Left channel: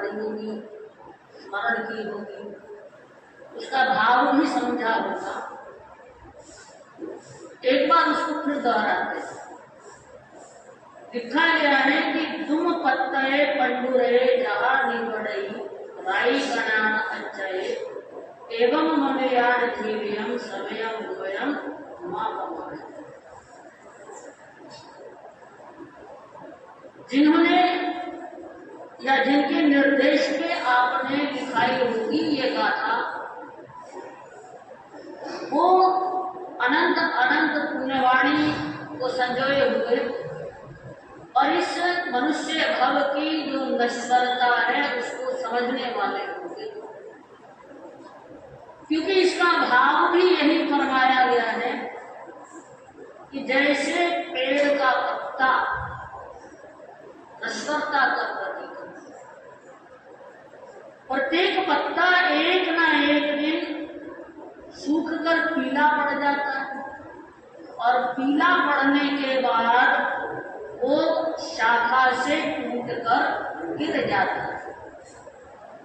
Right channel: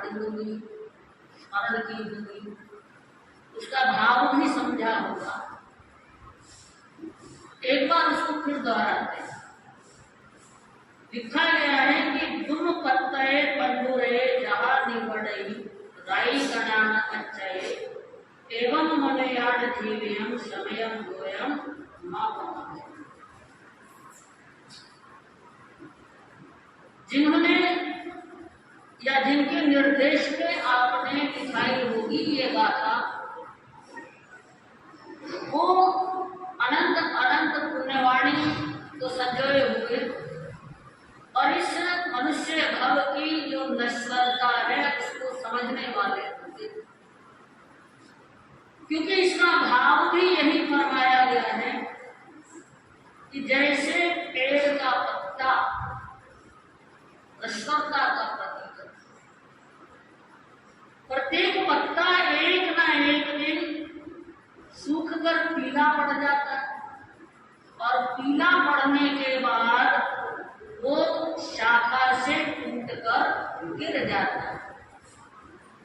पढ़ी होगी, स्मरण की होगी, उसका भाव भी समझा होगा। एक बार उसको फिर दोहराते हैं। लिखा गया है कि दुम पत्तये पंडुरे जहा निबड़ई राई गणान अच्छये एवं मलयाड़ जीवियम समयम गोयम मापमाय। जिन्होंने या जिनके निर्देश पे आपने लिखाई होगी ये गाथा, वो अनंत अनंत पुण्यवाणी को संजोए हुए और इस मनुष्य भव की जो नश्वरता है उसको समझने वाले होंगे, क्योंकि इसका भाव भी यही फरमाया गया है कि जैसे पेड़ का पत्ता नश्वरता का प्रतीक है, प्रत्येक पत्ता एक ना एक दिन सूखकर पीला पड़ जाता है और पीला पड़ने के बाद वो शाखा से टूटकर गिर जाता है,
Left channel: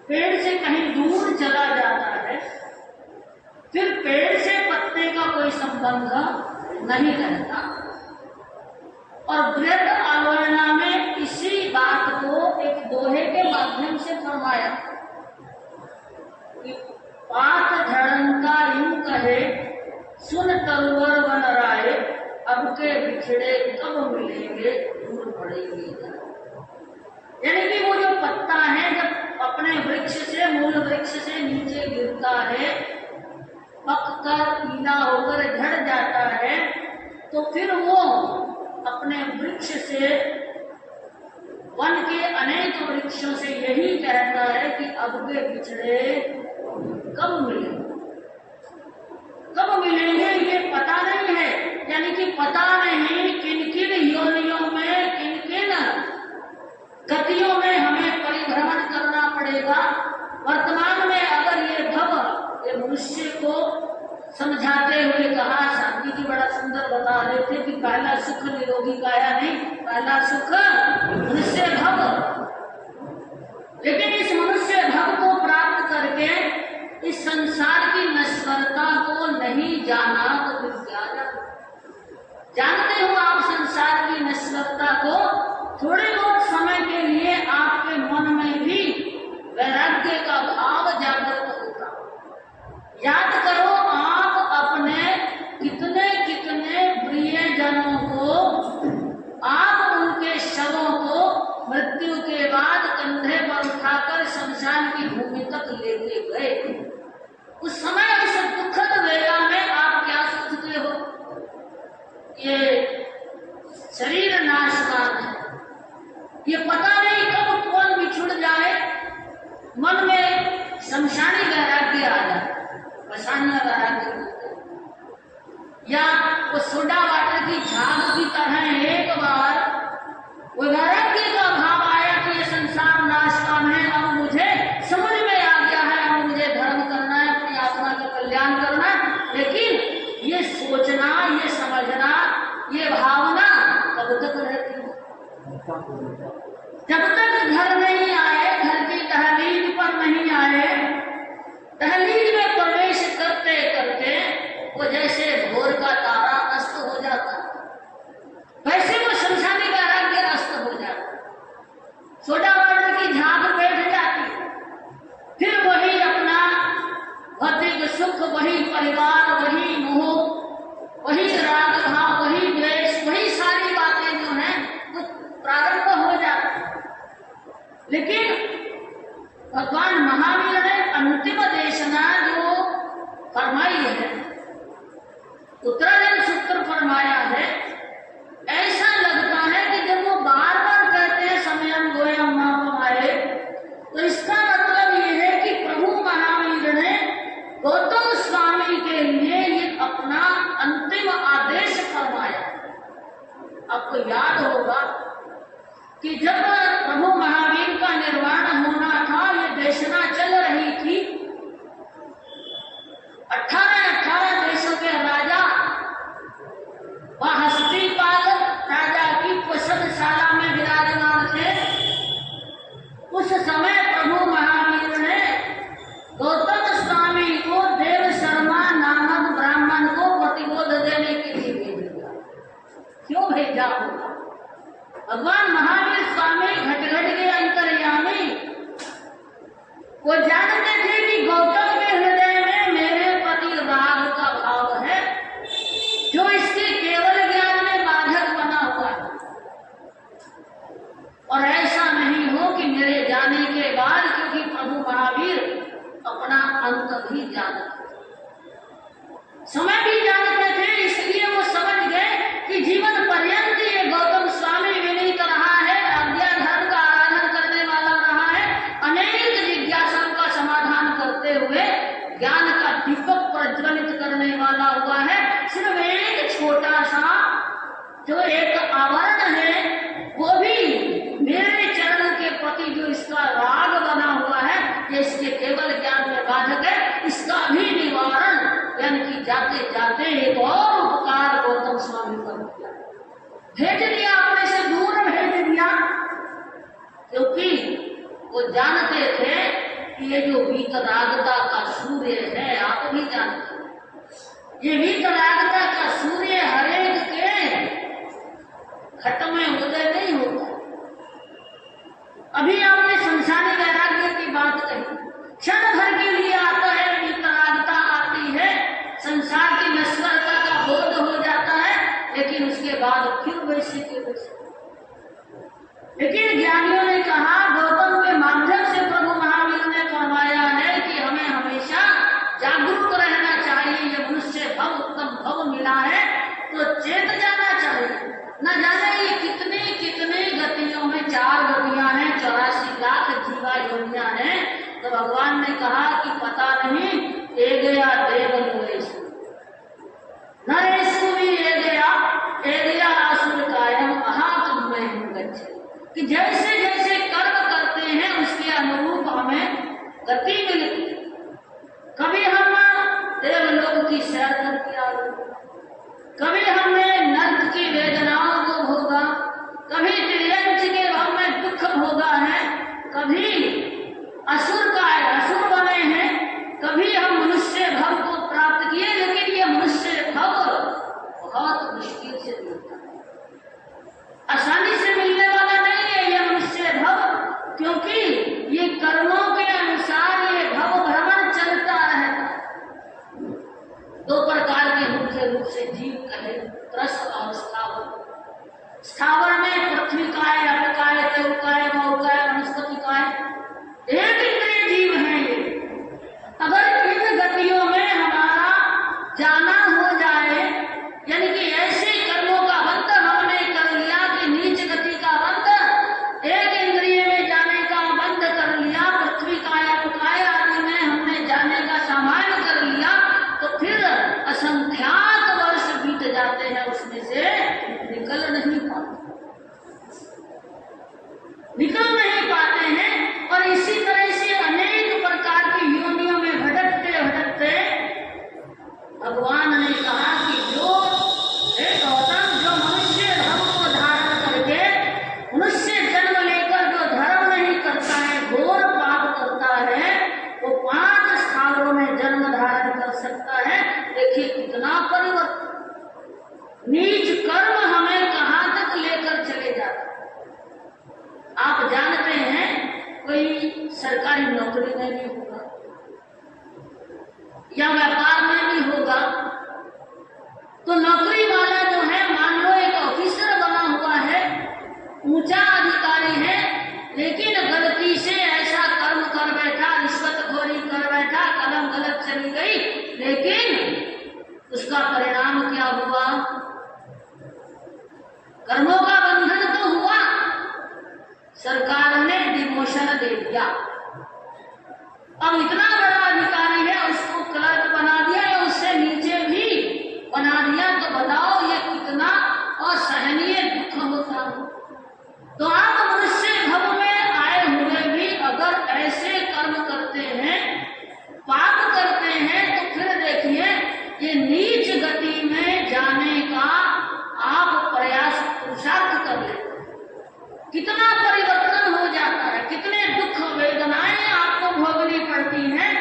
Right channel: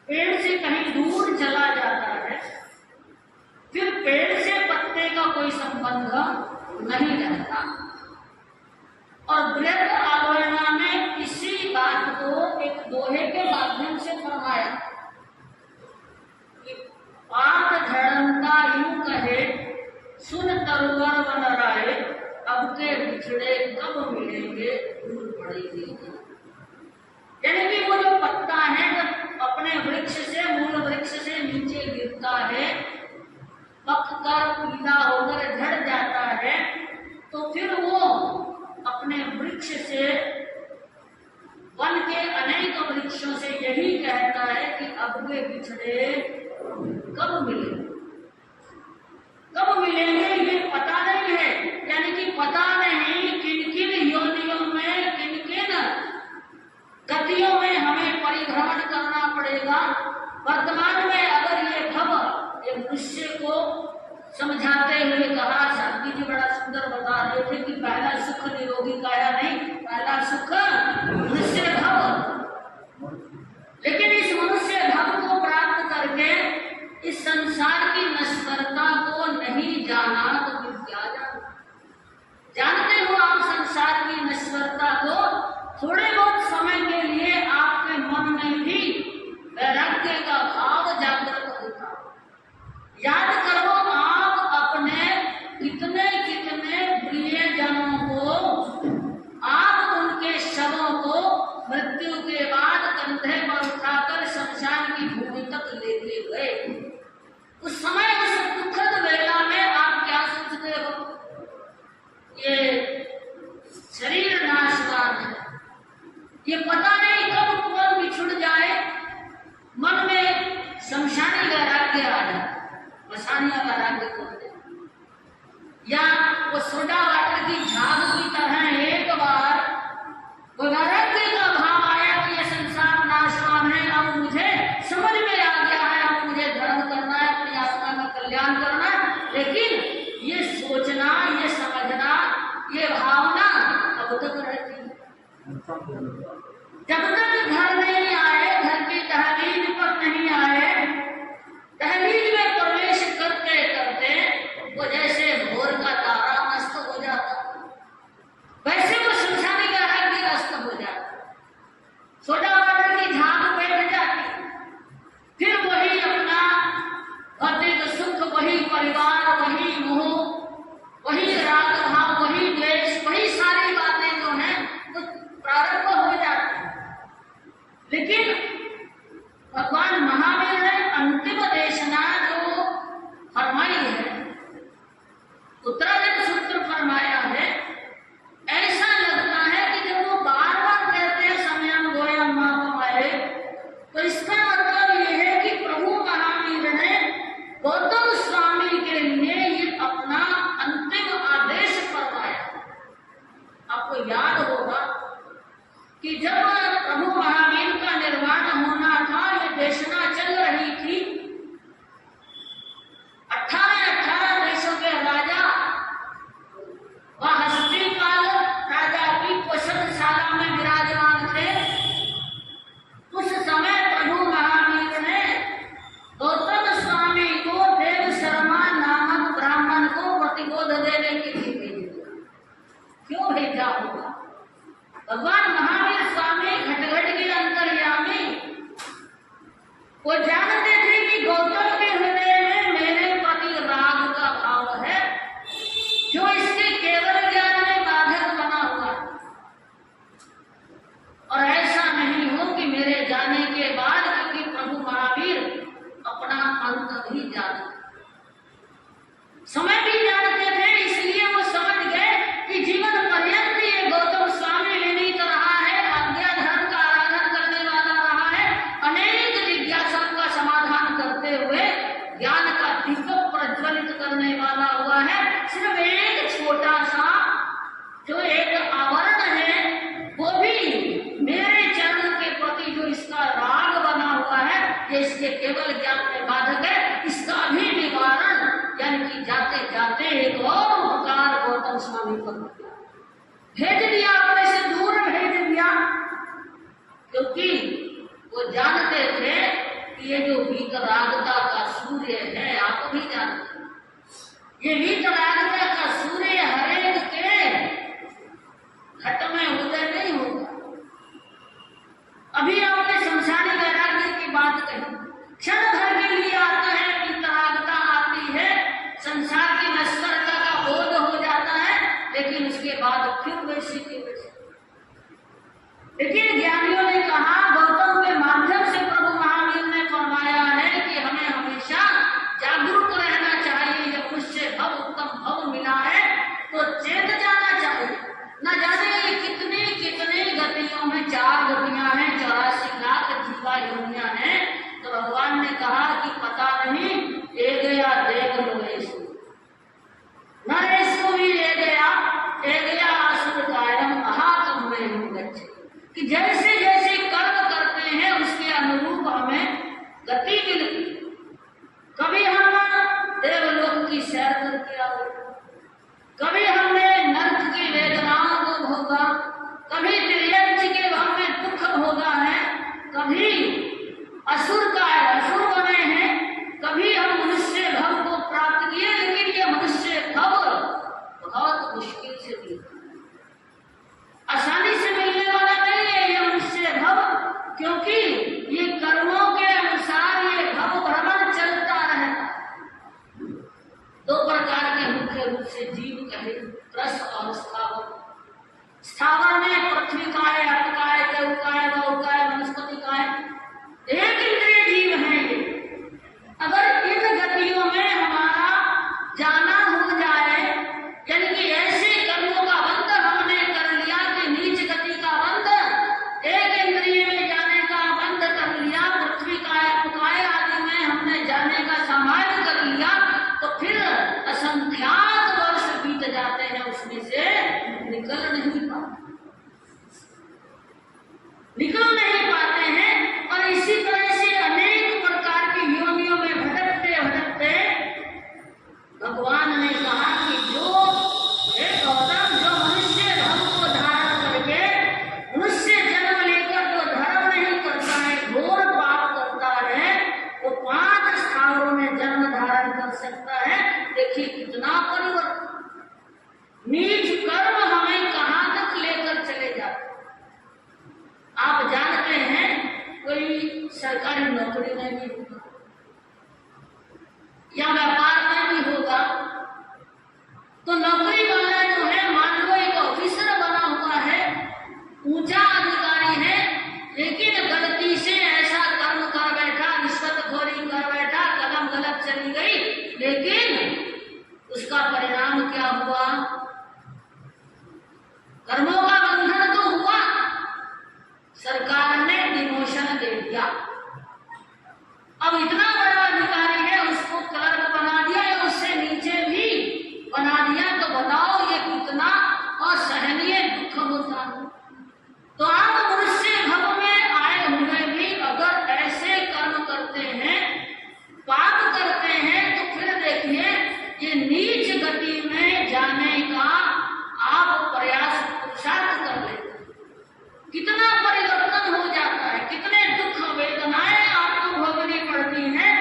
पेड़ से कहीं दूर चला जाता है, फिर पेड़ से पत्ते का कोई संबंध नहीं रहता। और बृहद आलोचना में इसी बात को एक दोहे के माध्यम से फरमाया कि पात धड़ंता यूं कहे सुन तरुवर वन राय अब के बिछड़े कब मिलेंगे दूर पड़ेगी। यानी कि वो जो पत्ता है जब अपने वृक्ष से मूल वृक्ष से नीचे गिरता है, पककर पीला होकर झड़ जाता है, तो फिर वो अपने वृक्ष से वन के अनेक वृक्षों से यही कहता है कि अब के बिछड़े कब मिलेंगे, कब मिलेंगे ये पता नहीं है। यानी कि पता नहीं किन किन योनियों में, किन किन गतियों में हमें परिभ्रमण करना पड़ेगा। वर्तमान में अगर ये भव ये मनुष्य को समझाते हुए कहा, शांति जी बड़ा सुंदर बता रहे थे कि पहला सुख निरोगी काया नहीं, पहला सुख मनुष्य भव। लेकिन इस मनुष्य भव को प्राप्त करके इस संसार की नश्वरता को नहीं जाना तो फिर क्या जाना। जानते हो आप संसार की नश्वरता को, थोड़े बहुत समय के लिए आपके मन में भी वैराग्य का भाव जागृत होता। याद करो आप अपने कितने कितने प्रियजनों को, आप उनके शवों को मृत्यु के बाद कंधे पर उठाकर शमशान की भूमि तक लेते गए। उस समय उस दुखद वेला में आप क्या सोचते हो? ये शरीर नाशवान है, ये पता नहीं कब कौन बिछुड़ जाए। मन में शमशानी वैराग्य आ जाए, मशानिया वैराग्य बोलते, या वो सोडा वाटर की झाग की तरह एक बार वो वैराग्य का भाव आया कि ये संसार नाशवान है, अब मुझे समझ में आ गया है, अब मुझे धर्म करना है, अपनी आत्मा का कल्याण करना है। लेकिन ये सोचना, ये समझना, ये भावना कब तक रहती है? जब तक घर नहीं आए, घर की तहलील पर नहीं आए, तहलील में प्रवेश करते करते वो जैसे भोर का तारा नष्ट हो जाता, वैसे वो शमशानी वैराग्य नष्ट हो जाता, सोडा वाटर की झाग बैठ जाती, फिर वही अपना भौतिक सुख, वही परिवार, वही मोह, वही राग भाव, वही द्वेष, वही सारी बातें जो हैं वो प्रारंभ हो जाती। लेकिन भगवान महावीर ने अंतिम देशना जो फरमाई है, उत्तरायण सूत्र फरमाया है, ऐसा लगता है कि जब वो बार बार कहते हैं समयम गोयम मापमाय, तो इसका मतलब ये है कि प्रभु महावीर ने गौतम स्वामी के लिए ये अपना अंतिम आदेश फरमाया। आपको याद होगा कि जब प्रभु महावीर का निर्वाण होना था, ये देशना चल रही थी, 18 देशों के राजा वह हस्तिपाल राजा की प्रसन्नशाला में विराजमान थे। उस समय प्रभु क्यों भेजा होगा? भगवान महावीर स्वामी घट घट के अंतर्यामी वो जानते थे कि गौतम के हृदय में मेरे प्रति राग का भाव है, जो इसके केवल ज्ञान में बाधक बना हुआ है। और ऐसा नहीं हो कि मेरे जाने के बाद, क्योंकि प्रभु महावीर अपना अंत भी जानते, समय भी जानते थे, इसलिए वो समझ गए कि जीवन पर्यंत ये गौतम स्वामी विनीत रहा है, अज्ञा धर्म का आराधन करने वाला रहा है, अनेक जिज्ञासाओं का समाधान करते हुए ज्ञान का दीपक प्रज्वलित करने वाला हुआ है। सिर्फ एक छोटा सा जो एक आवरण है, वो भी मेरे चरण के प्रति जो इसका राग बना हुआ है, ये इसके केवल ज्ञान में बाधक है, इसका भी निवारण, यानी कि जाते जाते एक और उपकार गौतम स्वामी पर किया, भेज दिया, अपने से दूर भेज दिया, क्योंकि वो जानते थे कि ये जो वीतरागता का सूर्य है, आप भी जानते हैं, ये वीतरागता का सूर्य हरेक के घट में उदय नहीं होता। अभी आपने संसारी वैराग्य की बात कही, क्षण भर के लिए आता है, वीतरागता आती है, संसार की नश्वरता का बोध हो जाता है, लेकिन उसके बाद फिर वैसे के वैसे। लेकिन ज्ञानियों ने कहा, गौतम के माध्यम से प्रभु महावीर ने फरमाया है कि हमें हमेशा जागरूक रहना चाहिए। जब मनुष्य भव उत्तम भव मिला है तो चेत जाना चाहिए। न जाने ये कितने कितने गतियों में, 4 गतियां हैं, 84 लाख जीवा योनियां हैं। तो भगवान ने कहा कि पता नहीं, ए गया देव लोएश नरेश भी ए गया असुर कायम महात्म में हूँ गच्छे, कि जैसे जैसे कर्म करते हैं उसके अनुरूप हमें गति मिलती। कभी हम देवलोक की सैर करके आ गए, कभी हमने नर्क की वेदनाओं को भोगा, कभी त्रियंच के भाव में दुख भोगा है, कभी असुर बने हैं, कभी हम मनुष्य भव को प्राप्त किए। लेकिन ये मनुष्य भव बहुत मुश्किल से मिलता है, आसानी से मिलने वाला नहीं है ये मनुष्य भव, क्योंकि ये कर्मों के अनुसार ये भव भ्रमण चलता रहता है। 2 प्रकार के मुख्य रूप से जीव कहे, त्रस्त और स्थावर। स्थावर में पृथ्वी काय, अपकाय, तैवकाय, मौकाय, वनस्पति काय, एक इंद्रिय जीव है ये। अगर इन गतियों में हमारा जाना हो जाए, यानी कि ऐसे कर्मों का बंध हमने कर लिया कि नीच गति का बंध, एक इंद्रिय में जाने का बंध कर लिया, पृथ्वी काय, अपकाय आदि में हमने जाने का सामान्य कर लिया, तो फिर असंख्यात वर्ष बीत जाते हैं, उसमें से निकल नहीं पाते हैं। और इसी तरह से अनेक प्रकार की योनियों में भटकते भटकते भगवान ने कहा कि जो गौतम, जो मनुष्य धर्म को धारण करके, मनुष्य जन्म लेकर जो धर्म नहीं करता है, घोर पाप करता है, वो 5 स्थानों में जन्म धारण कर सकता है। देखिए कितना परिवर्तन, नीच कर्म हमें कहां तक लेकर चले जाते। आप जानते हैं, कोई सरकारी नौकरी में भी होगा या व्यापार में भी होगा, तो नौकरी वाला जो है, मान लो एक ऑफिसर बना हुआ है, ऊंचा अधिकारी है, लेकिन गलती से ऐसा कर्म कर बैठा, रिश्वतखोरी कर बैठा, कलम गलत चली गई, लेकिन उसका परिणाम क्या हुआ? कर्मों का बंधन तो हुआ, सरकार ने डिमोशन दे दिया। अब इतना बड़ा अधिकारी है, उसको क्लर्क बना दिया या उससे नीचे भी बना दिया, तो बताओ ये कितना असहनीय दुख होता है। तो आप मनुष्य भव में आए हुए भी अगर ऐसे कर्म करते हैं, पाप करते हैं, तो फिर देखिए ये नीच गति में जाने का आप प्रयास पुरुषार्थ कर लेते, कितना परिवर्तन हो जाता है, कितने दुख वेदनाएं आपको भोगनी पड़ती हैं।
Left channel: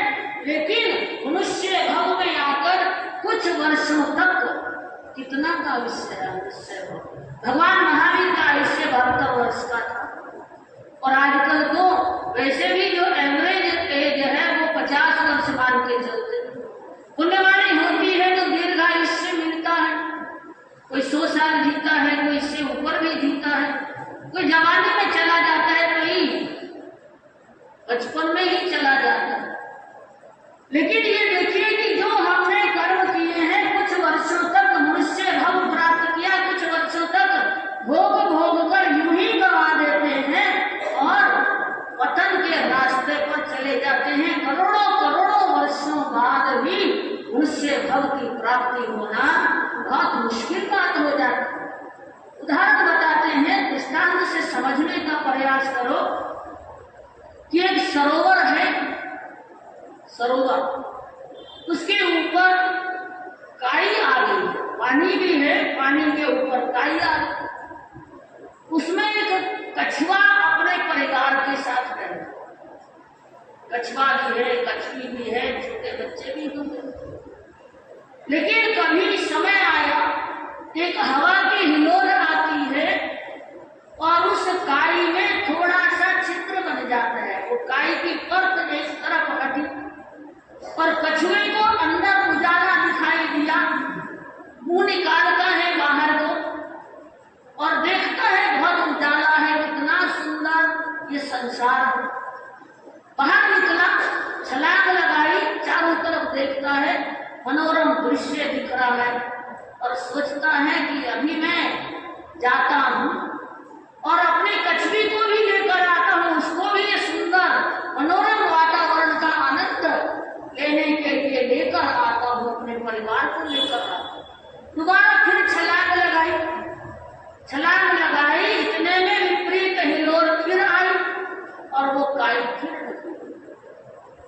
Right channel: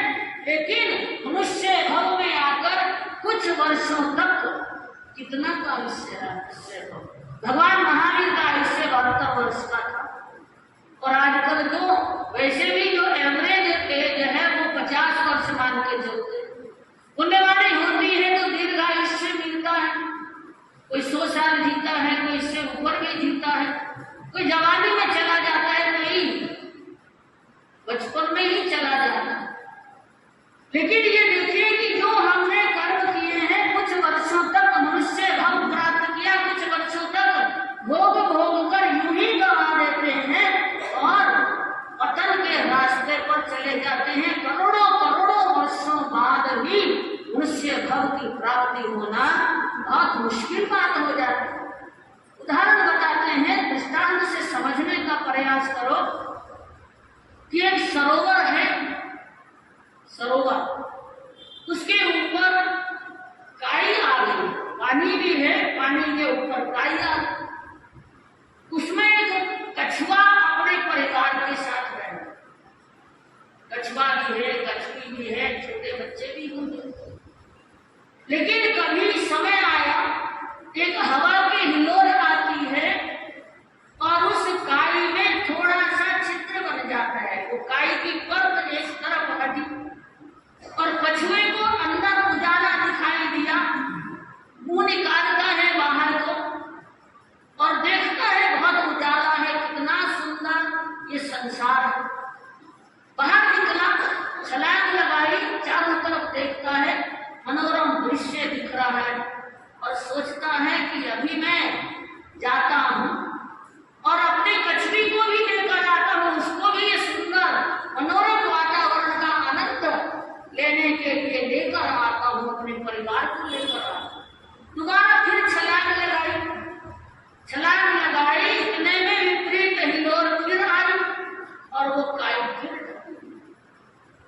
लेकिन मनुष्य भव में आकर कुछ वर्षों तक कितना का आयुष्य है मनुष्य भव। भगवान महावीर का आयुष्य 72 वर्ष का था। और आजकल तो वैसे भी जो एवरेज एज है वो 50 वर्ष मान के चलते। पुण्यवाणी होती है तो दीर्घायुष्य मिलता है, कोई 100 साल जीता है, कोई इससे ऊपर भी जीता है, कोई जवानी में चला जाता है, कोई बचपन में ही चला जाता है। लेकिन ये देखिए कि जो हमने कर्म किए हैं, कुछ वर्षों तक मनुष्य भव प्राप्त किया, कुछ वर्षों तक भोग भोग कर यूं ही गवा देते हैं और पतन के रास्ते पर चले जाते हैं। करोड़ों करोड़ों वर्षों बाद भी मनुष्य भव की प्राप्ति होना बहुत मुश्किल बात हो जाती है। उदाहरण बताते हैं, दृष्टांत से समझने का प्रयास करो कि एक सरोवर है, सरोवर, उसके ऊपर काई आ गई, पानी भी है, पानी के ऊपर काई आ गई। उसमें एक कछुआ अपने परिवार के साथ रहे, कछुआ भी है, कछुई भी है, छोटे बच्चे भी होंगे। लेकिन कभी समय आया, एक हवा की हिलोर आती है और उस काई में थोड़ा सा छिद्र बन जाता है, वो काई की परत एक तरफ हटी और कछुए को अंदर उजाला दिखाई दिया। मुंह निकालता है बाहर को और देखता है बहुत उजाला है, कितना सुंदर ये संसार है। बाहर निकला, छलांग लगाई, चारों तरफ देखता है, मनोरम दृश्य दिख रहा है और सोचता है कि अभी मैं जाता हूं और अपनी कछुई को भी लेकर आता हूं, उसको भी ये सुंदर मनोरम वातावरण का आनंद लेने के लिए लेकर आता हूं, अपने परिवार को लेकर आता हूं। दोबारा फिर छलांग लगाई, छलांग लगाई, इतने में विपरीत हिलोर फिर आई और वो काई फिर।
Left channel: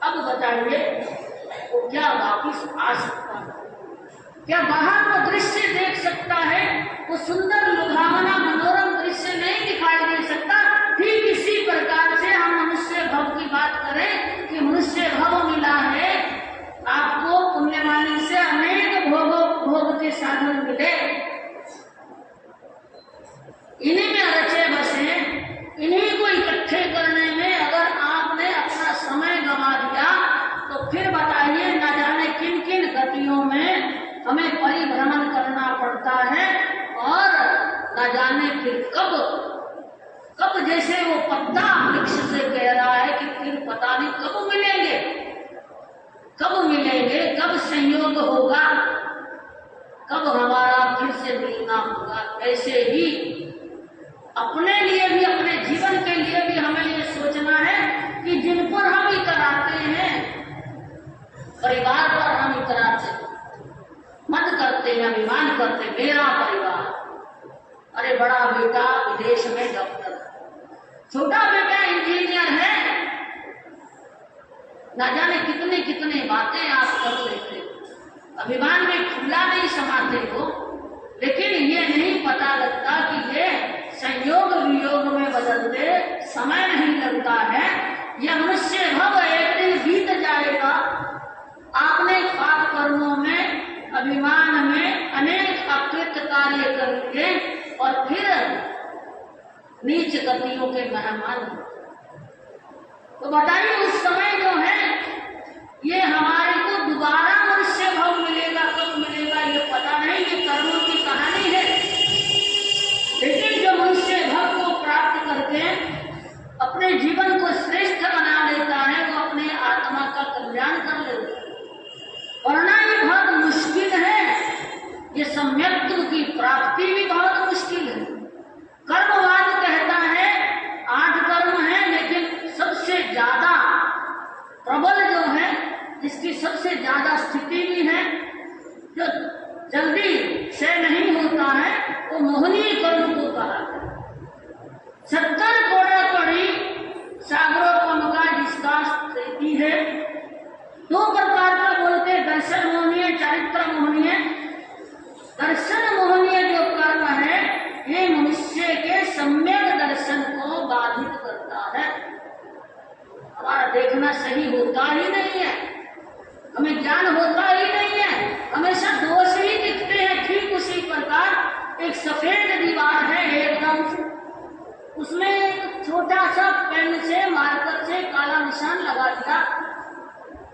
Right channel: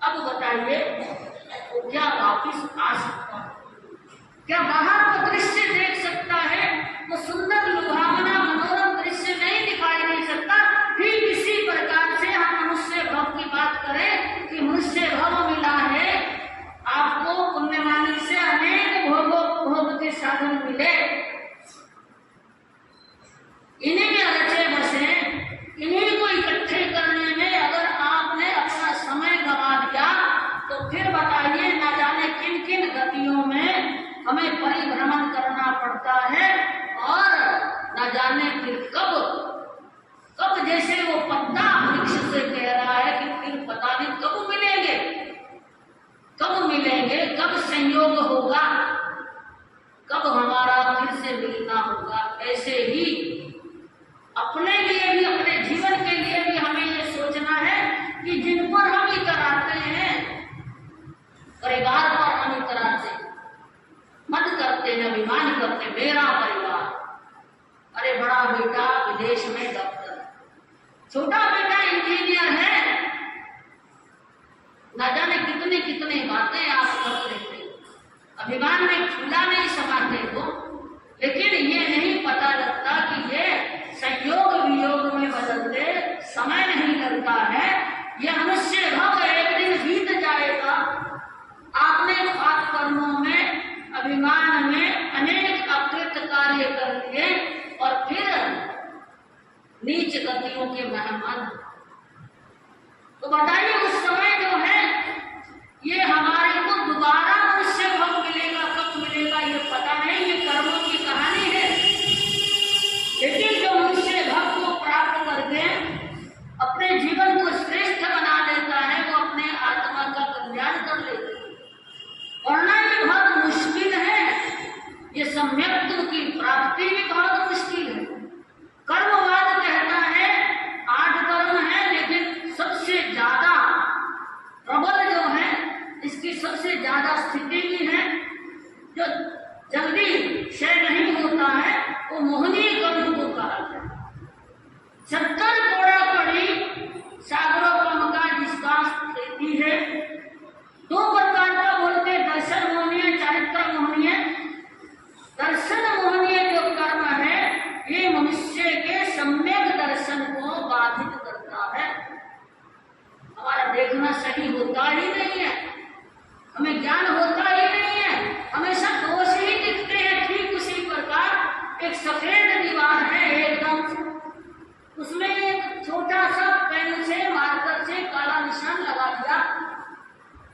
अब बताइए वो क्या वापिस आ सकता है? क्या बाहर वो दृश्य देख सकता है? वो सुंदर लुभावना मनोरम दृश्य नहीं दिखाई दे सकता। फिर किसी प्रकार से हम मनुष्य भव की बात करें कि मनुष्य भव मिला है आपको, पुण्यवाणी से अनेक भोग के साधन मिले, इन्हीं में रचे बसे, इन्हीं को इकट्ठे करने में अगर आपने अपना समय गंवा दिया तो फिर बताइए न जाने किन किन गतियों में हमें परिभ्रमण करना पड़ता है और न जाने फिर कब जैसे वो पत्ता वृक्ष से कह रहा है कि फिर पता नहीं कब मिलेंगे, कब संयोग होगा, कब हमारा फिर से मिलना होगा। ऐसे ही अपने लिए भी, अपने जीवन के लिए भी हमें ये सोचना है कि जिन पर हम इतराते हैं, परिवार पर हम इतराते मत करते हैं, अभिमान करते, मेरा परिवार, अरे बड़ा बेटा विदेश में डॉक्टर, छोटा बेटा इंजीनियर है, ना जाने कितने कितने बातें आप कर लेते, अभिमान में फूला नहीं समाते हो, लेकिन ये नहीं पता लगता कि ये संयोग वियोग में बदलते समय नहीं लगता है। ये मनुष्य भव एक दिन बीत जाएगा। आपने पाप कर्मों में, अभिमान में अनेक अकृत कार्य कर लिए और फिर नीच गतियों के मेहमान। तो बताइए उस समय जो है ये हमारे को दोबारा मनुष्य भव मिलेगा, कब मिलेगा ये पता नहीं, ये कर्मों की कहानी है। लेकिन जो मनुष्य भव को प्राप्त करके अपने जीवन को श्रेष्ठ बना लेता है वो अपने आत्मा का कल्याण कर लेता है। वरना ये बहुत मुश्किल है, ये सम्यक्त्व की प्राप्ति भी बहुत मुश्किल है। कर्मवाद कहता है 8 कर्म है, लेकिन सबसे ज्यादा प्रबल जो है, इसकी सबसे ज्यादा स्थिति भी है, जो जल्दी क्षय नहीं होता है, वो मोहनीय कर्म को कहा है। 70 कोड़ा कड़ी सागरोपम का जिसका स्थिति है। 2 प्रकार का बोलते, दर्शन मोहनीय, चारित्र मोहनीय। दर्शन मोहनीय जो कर्म है ये मनुष्य के सम्यक दर्शन को बाधित करता है। हमारा देखना सही होता ही नहीं है, हमें ज्ञान होता ही नहीं है, हमेशा दोष ही दिखते हैं। ठीक उसी प्रकार एक सफेद दीवार है, कौन से? उसमें एक छोटा सा पेन से मार्कर से काला निशान लगा दिया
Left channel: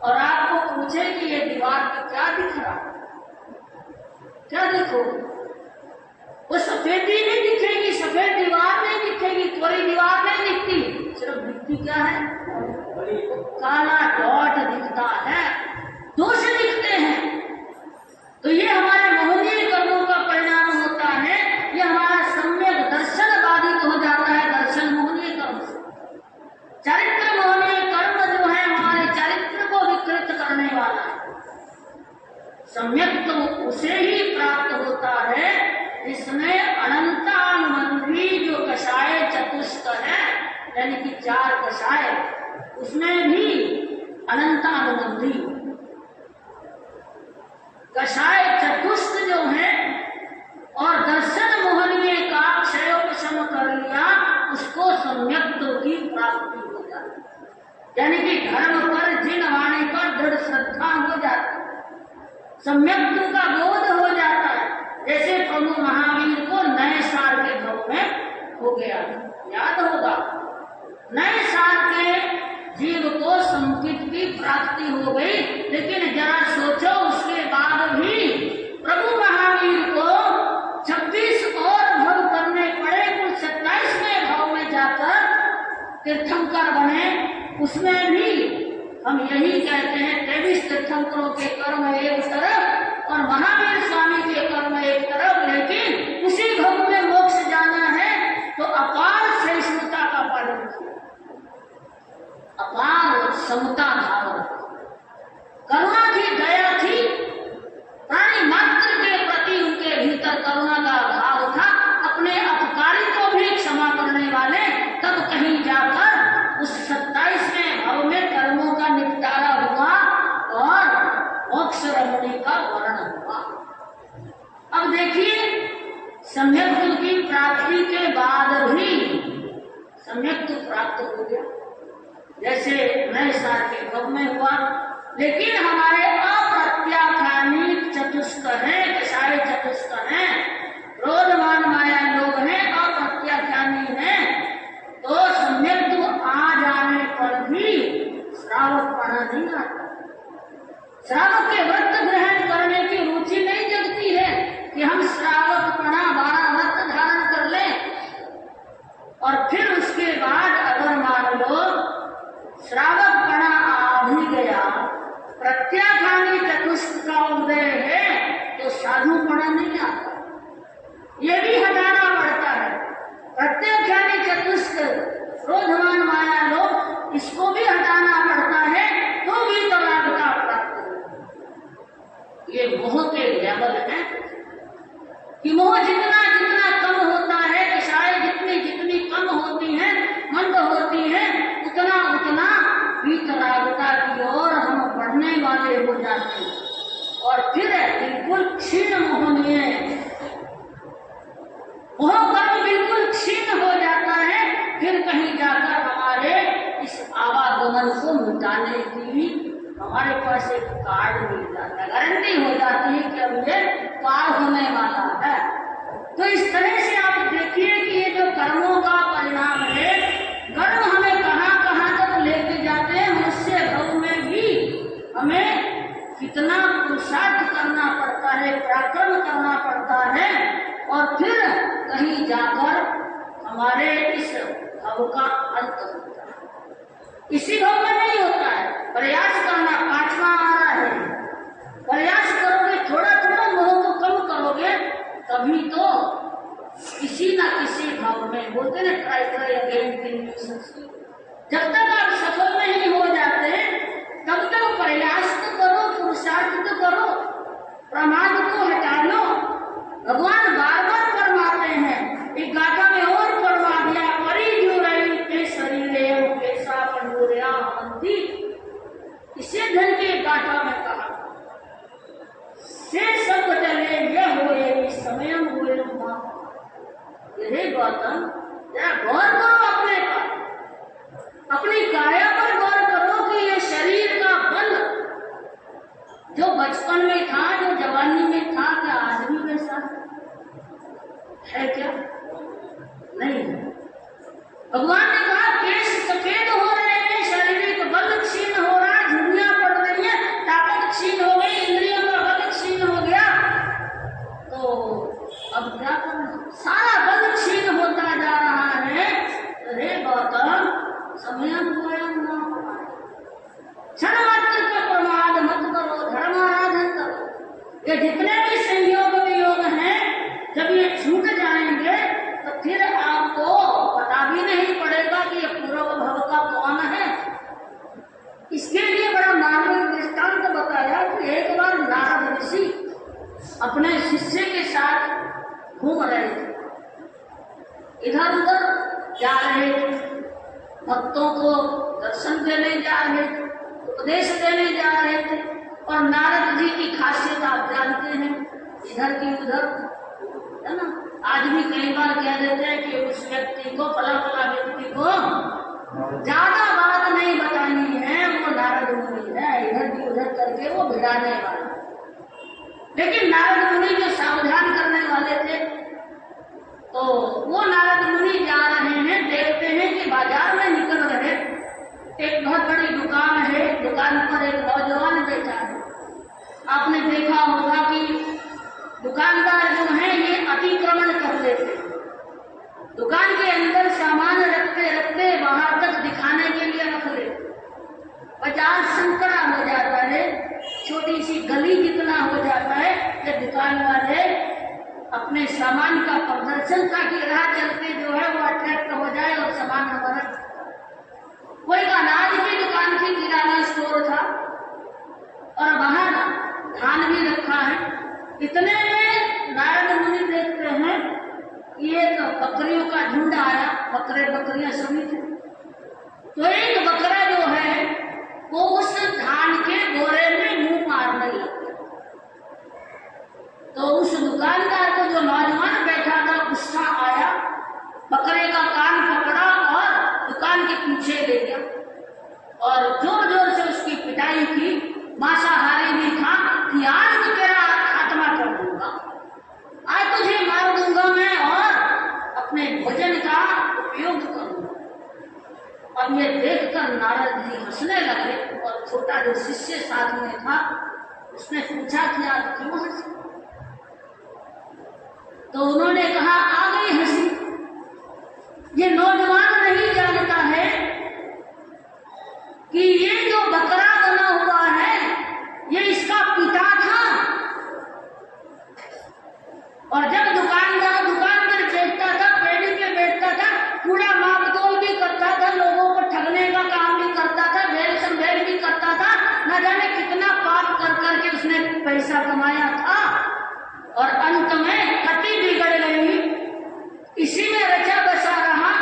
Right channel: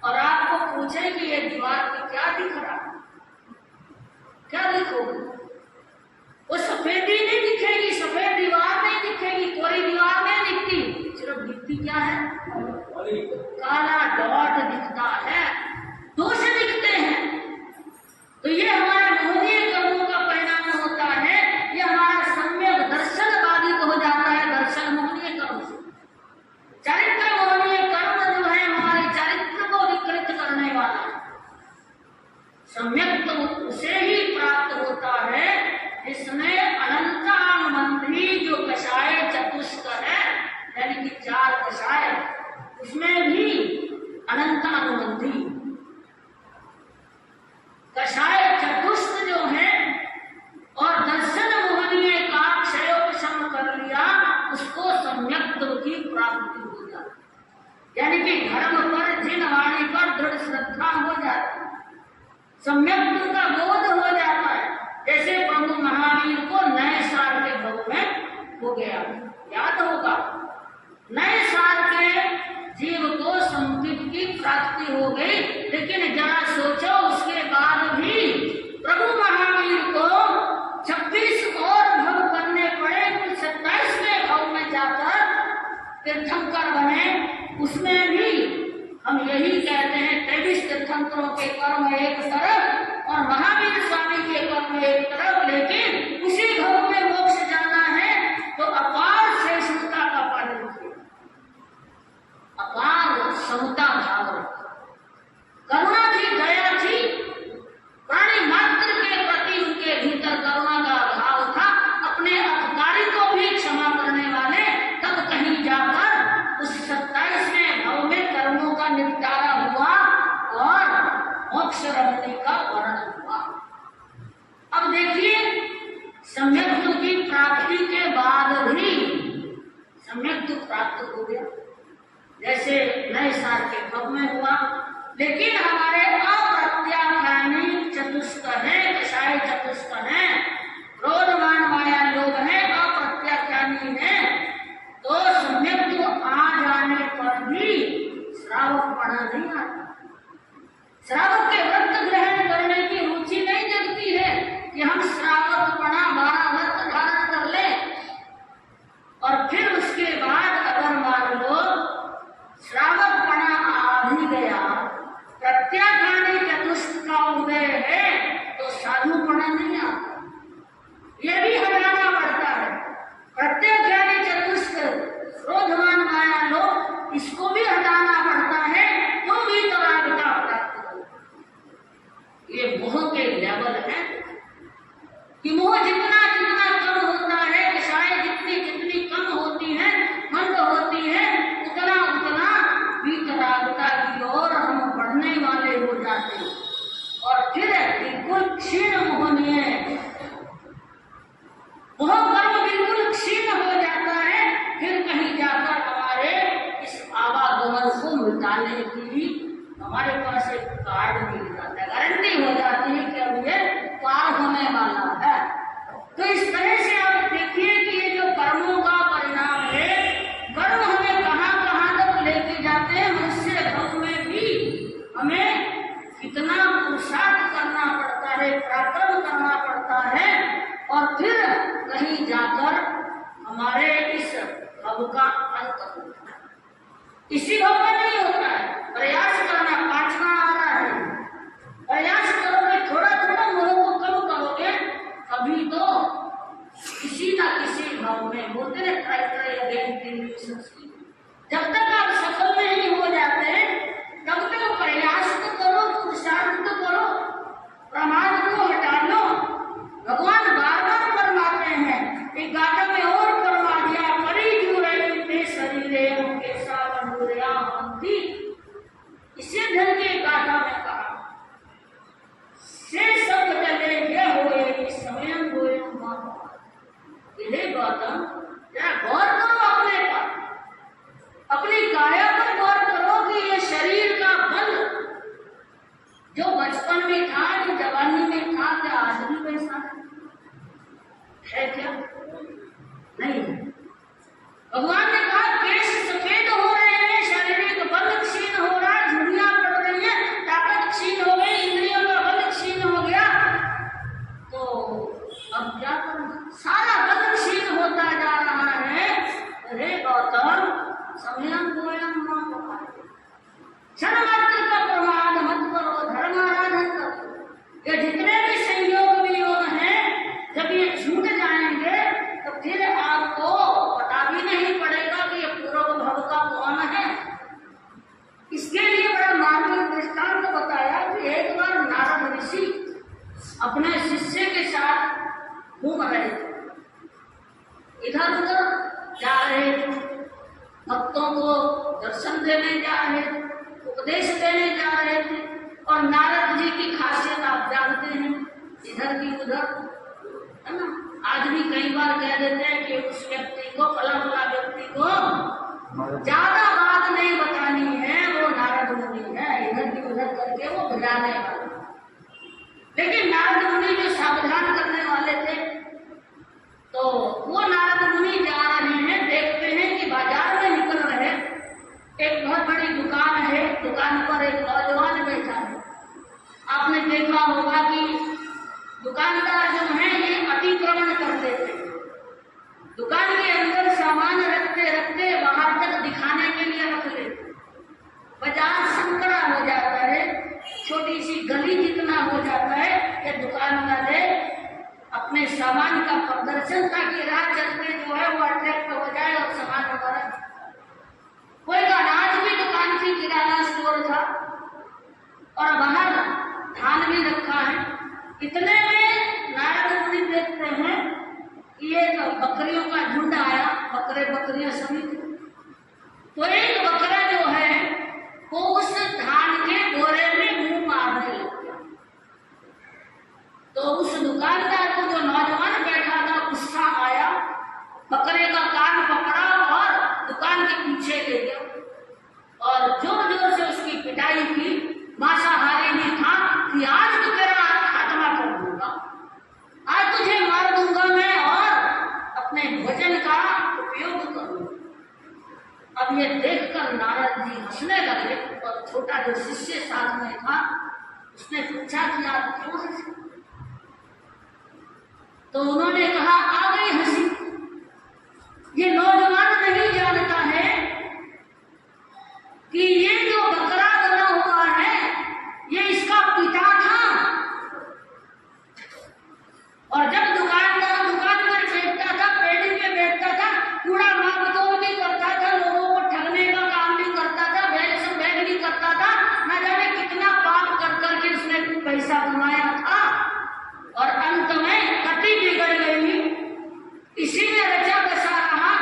और आपको पूछे कि ये दीवार पे क्या दिख रहा है, क्या देखोगे? वो सफेदी नहीं दिखेगी, सफेद दीवार नहीं दिखेगी, कोरी दीवार नहीं दिखती, सिर्फ दिखती क्या है? काला डॉट दिखता है, दोष दिखते हैं। तो ये हमारे मोहनीय कर्मों का परिणाम होता है। ये हमारा सम्यक दर्शन बाधित हो जाता है दर्शन मोहनीय कर्म से। चरित्र मोहनीय कर्म जो है हमारे चरित्र को विकृत करने वाला है। सम्यक तो उसे ही प्राप्त होता है जिसने अनंतानुबंधी जो कषाय चतुष्क है, यानी कि 4 कषाय, उसमें भी अनंतानुबंधी कषाय चतुष्क जो है और दर्शन मोहनीय का क्षयोपशम कर लिया, उसको सम्यक्त्व की प्राप्ति हो जाती है। यानी कि धर्म पर जिन वाणी पर दृढ़ श्रद्धा हो जाती है, सम्यक्त्व का बोध हो जाता है। जैसे प्रभु महावीर को नए साल के भाव में हो गया, याद होगा, नए साल के जीव को संकित की प्राप्ति हो गई। लेकिन जरा सोचो, उसके बाद भी प्रभु महावीर को 26 और भव करने पड़े, कुल 27वें भव में जाकर तीर्थंकर बने। उसमें भी हम यही कहते हैं 23 तीर्थंकरों के कर्म एक तरफ और महावीर स्वामी के कर्म एक तरफ, लेकिन उसी भव में मोक्ष जाना है तो अपार श्रेष्ठता का पालन किया, अपार समता भाव, करुणा की दया थी, प्राणी मात्र के प्रति उनके भीतर करुणा का भाव था, अपने अपकारी को भी क्षमा करने वाले। तब कहीं जाकर उस 27वें भव में कर्मों का निपटारा हुआ और मोक्ष रमणी का वर्णन हुआ। अब देखिए, सम्यक्त्व की प्राप्ति के बाद भी सम्यक्त्व प्राप्त हो गया, जैसे नए साल के भव में हुआ। लेकिन हमारे अप्रत्याख्यानी चतुष्क हैं, कषाय चतुष्क हैं, क्रोधवान माया लोग हैं, अप्रत्याख्यानी हैं, तो सम्यक्त्व आ जाने पर भी श्रावकपणा नहीं आता। श्रावक के व्रत ग्रहण करने की रुचि नहीं जगती है कि हम श्रावकपणा 12 व्रत धारण कर लें और फिर उसके बाद अगर मान लो श्रावकपणा आ भी गया, प्रत्याख्यानी चतुष्क का उदय है, तो साधुपणा नहीं आता। ये भी हटाना पड़ता है। प्रत्याख्यानी चतुष्क, क्रोधवान माया लोग, इसको भी हटाना पड़ता है तो भी तरागता प्राप्त हो। ये मोह के लेवल है कि मोह जितना जितना कम होता है, कषाय जितनी जितनी कम होती है, मंद होती है, उतना उतना वितरागता की ओर हम बढ़ने वाले हो जाते हैं और फिर बिल्कुल क्षीण मोहनीय मोह कर्म बिल्कुल क्षीण हो जाता है। फिर कहीं जाकर हमारे इस आवागमन को मिटाने की हमारे पास एक कार्ड मिल जाता है, गारंटी हो जाती है कि अब ये पार होने वाला है। तो इस तरह से आप देखिए कि ये जो कर्मों का परिणाम है, कर्म हमें कहाँ कहाँ तक लेके जाते हैं। मनुष्य भव में भी हमें कितना पुरुषार्थ करना पड़ता है, पराक्रम करना पड़ता है और फिर कहीं जाकर हमारे इस भव का अंत होता है। इसी भव में नहीं होता है, प्रयास करना। 5वां आ रहा है, प्रयास करोगे, थोड़ा थोड़ा मोह को कम करोगे, तभी तो किसी ना किसी भाव में बोलते ना, ट्राई अगेन। जब तक आप सफल नहीं हो जाते तब तक प्रयास तो करो, पुरुषार्थ तो करो, प्रमाद को हटा लो। भगवान बार बार फरमाते हैं, एक गाथा में और फरमा दिया, परी जो रही ते शरीरे कैसा पंडुरिया हवंती। इसे धन के गाथा में कहा, से सब चले ये हुए कि समय हुए मां। यही गौतम, जरा गौर करो अपने पर, अपनी काया पर गौर करो कि ये शरीर का बल जो बचपन में था, जो जवानी में था, क्या आज भी वैसा है क्या? नहीं है। भगवान ने कहा केश सफेद हो रहे हैं, शारीरिक बल क्षीण हो रहा है, झुर्रियां पड़ रही है, ताकत क्षीण हो गई, इंद्रियों का बल क्षीण हो गया, तो अब क्या करना? सारा बल क्षीण होता जा रहा है। हे गौतम, समयम पूर्णम न हो पाए, क्षण मात्र का प्रमाद मत करो, धर्माराधन करो। ये जितने भी संयोग वियोग हैं, जब ये छूट जाएंगे तो फिर आपको पता भी नहीं पड़ेगा कि ये पूर्व भव का कौन है। इसके लिए बड़ा मार्मिक दृष्टांत बताया कि एक बार नारद ऋषि अपने शिष्य के साथ घूम रहे थे, इधर उधर जा रहे थे, भक्तों को दर्शन देने जा रहे थे, उपदेश देने जा रहे थे। और नारद जी की खासियत आप जानते हैं, इधर की उधर, है ना। आज भी कई बार कह देते हैं कि उस व्यक्ति को, फला फला व्यक्ति को ज्यादा बात नहीं बतानी है, वो नारद मुनि है, इधर की उधर करके वो भिड़ाने वाला। लेकिन नारद मुनि जो सावधान करने वाले थे, तो वो नारद मुनि जा रहे हैं, देखते हैं कि बाजार में निकल रहे, एक बहुत बड़ी दुकान है, दुकान पर एक नौजवान बैठा है। आपने देखा होगा कि दुकानदार जो है ये अतिक्रमण करते थे, दुकान के अंदर सामान रखते रखते बाहर तक दिखाने के लिए रख लेते। बाजार संकरा हो जाता है, छोटी सी गली जितना हो जाता है, ये दुकान वाले अपने सामान का प्रदर्शन, ताकि राह चलते जो है वो अट्रैक्ट हो जाए और सामान हमारा। कोई अनाज की दुकान थी, किराना स्टोर था, और बाहर धान भी रखा है। इतने में नारद मुनि देखते हैं कि एक बकरियों का झुंड आया, बकरे बकरियां सभी थे। तो एक बकरा जो है वो उस धान के बोरे में मुंह मारने लग गया। तो उस दुकानदार को, जो नौजवान बैठा था, गुस्सा आया, बकरे का कान पकड़ा और दुकान के पीछे ले गया और जोर जोर से उसकी पिटाई की। मांसाहारी भी था कि आज तो तेरा खात्मा कर दूंगा, आज तुझे मार दूंगा मैं और अपने भोजन का उपयोग करूंगा। अब ये देखकर नारद जी हंसने लगे और छोटा जो शिष्य साथ में था उसने पूछा कि आप क्यों हंसे? तो उन्होंने कहा, आ गई हंसी। ये नौजवान नहीं जानता है कि ये जो बकरा बना हुआ है ये इसका पिता था। और जब दुकानदार दुकान पर बैठता था, पेड़ी पे बैठता था, कूड़ा माप तोल भी करता था, लोगों को ठगने का काम भी करता था, बैग संभेद भी करता था, न जाने कितना पाप कर करके उसने पैसा कमाया था। और अंत में अति बिगड़ गई, इसी ने रचा बसा रहा,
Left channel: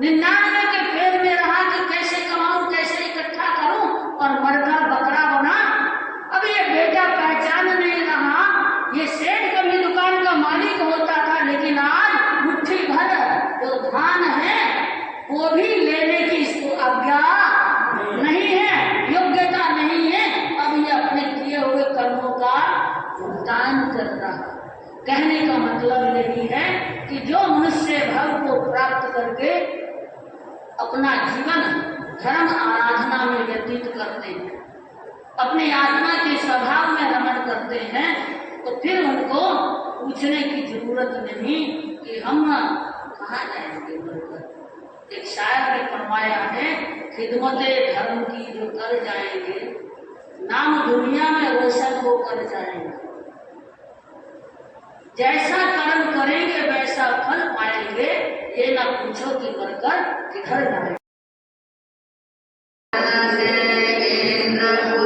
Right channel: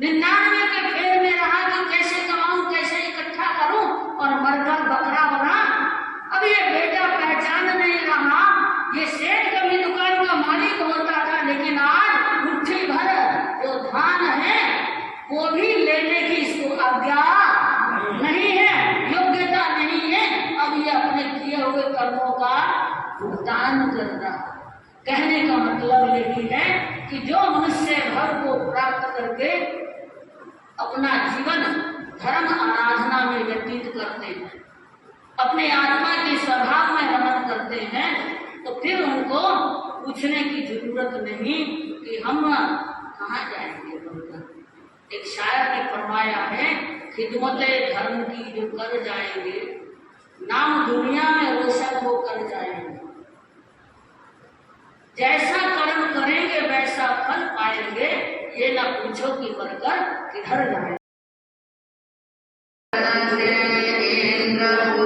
99 के फेर में रहा कि कैसे कमाऊं, कैसे इकट्ठा करूं, और मरकर बकरा बना। अब ये बेटा पहचान नहीं रहा, ये सेठ कभी दुकान का मालिक होता था, लेकिन आज मुट्ठी भर जो धान है वो भी लेने की इसको आज्ञा नहीं है, योग्यता नहीं है। अब ये अपने किए हुए कर्मों का भुगतान कर रहा। कहने का मतलब यही है कि जो मनुष्य भव को प्राप्त करके अपना जीवन धर्म आराधना में व्यतीत करते हैं, अपनी आत्मा के स्वभाव में रमण करते हैं, तो फिर उनको पूछने की जरूरत नहीं कि हम कहाँ जाएंगे बोलकर। एक शायर ने फरमाया है, खिदमत धर्म की जो कर जाएंगे, नाम दुनिया में रोशन हो कर जाएंगे। जैसा कर्म करेंगे वैसा फल पाएंगे, ये ना पूछो कि मरकर किधर जाएंगे। नरक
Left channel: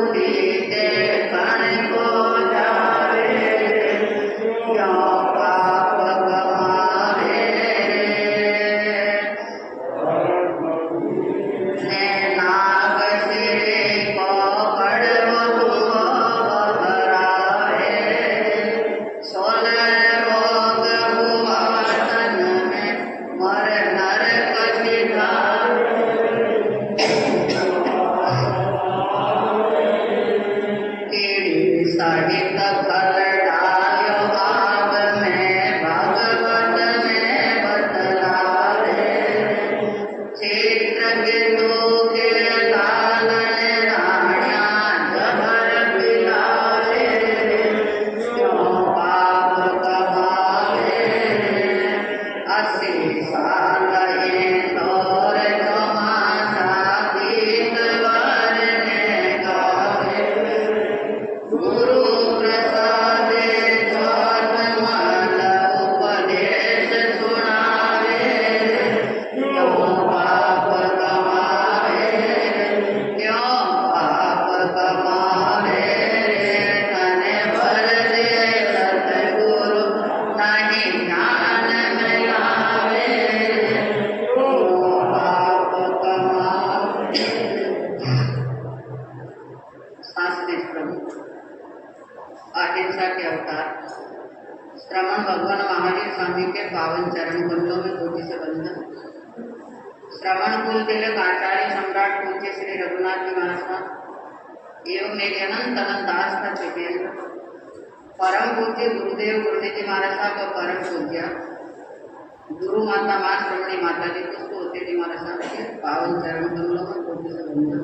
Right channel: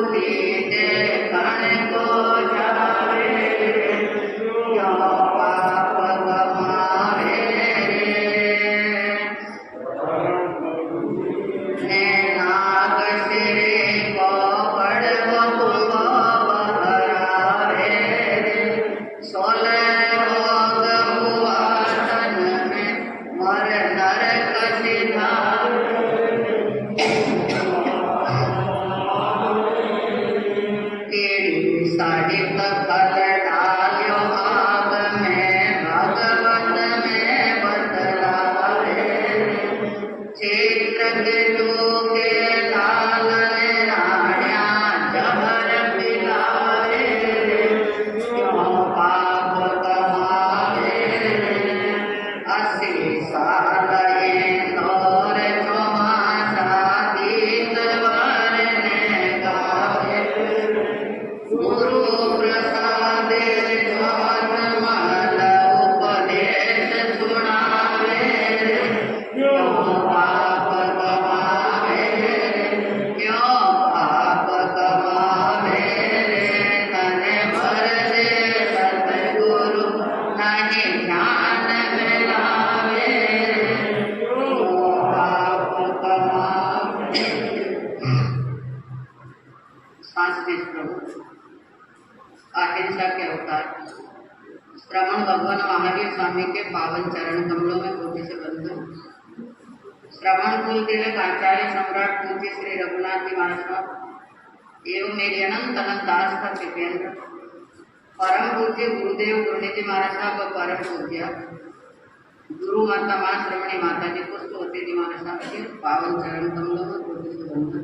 सिधा पावन चरण कमलों में कोटि से बंधन। श्रवण कुल तिलक आचार्य सम्राट पूज्य श्री रघुनाथ जी महाराज एवं मेरे अनंत अनंत दास का चितेंद्र परम पूज्य गुरुदेव गुरुनिधि महाराज साहब का परम पूज्य गुरु माता माँ श्रवणी माता जी पुष्प होते जी महाराज साहब के पावन चरण कमलों में कोटि से बंधन।